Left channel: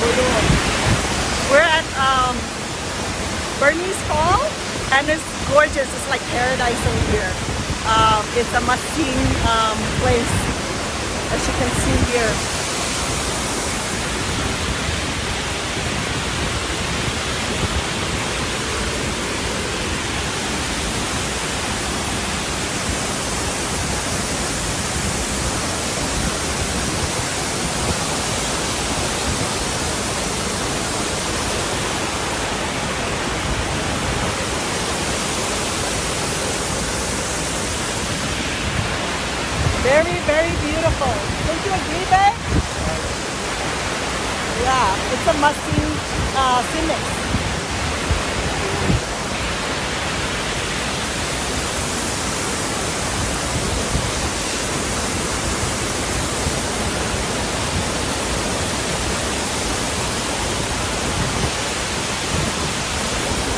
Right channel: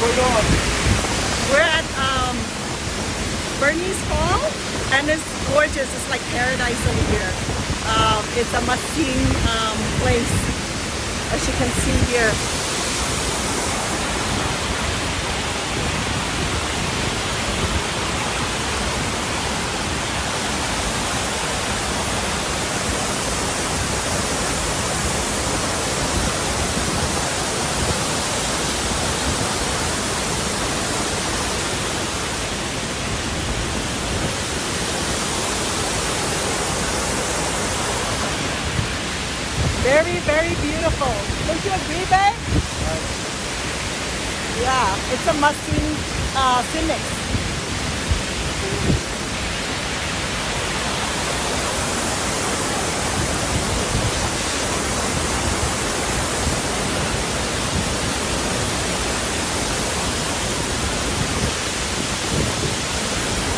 We're at Burney's Fall, and it's gorgeous. It's like paradise over here. It's a must-see place, as you can see here. Very, very beautiful. Don't you agree, babe? Yeah, it's a must-see scenic.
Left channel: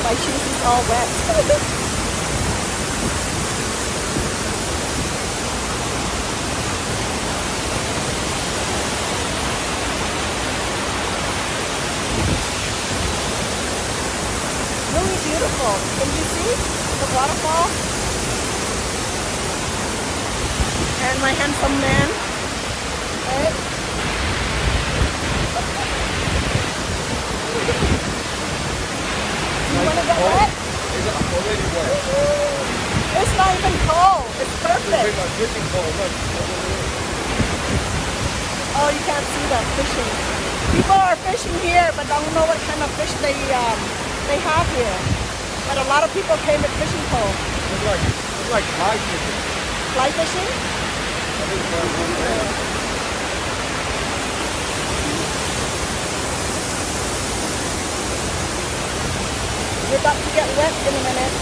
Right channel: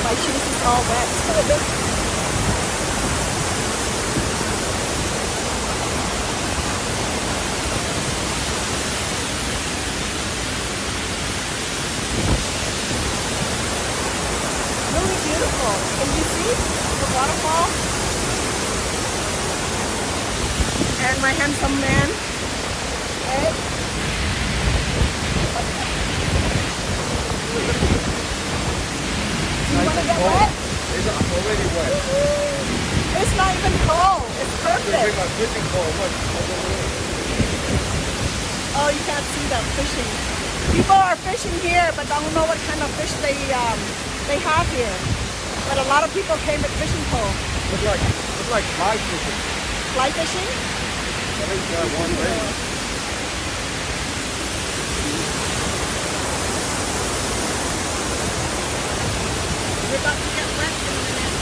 My shoes is all wet. Really beautiful. Can you see the waterfall? And my handsome man. Hey. You want to get wet? It's already wet. It's not even cold. It's Bring perfect. my fishing pole. Look. Oh, you can't see them fishing. People are fishing here, but I don't know what kind of fish they have here. But a lot of people came with fishing poles. It's like fly fishing. Fly fishing? That is one thing. We're about to get wet in a minute.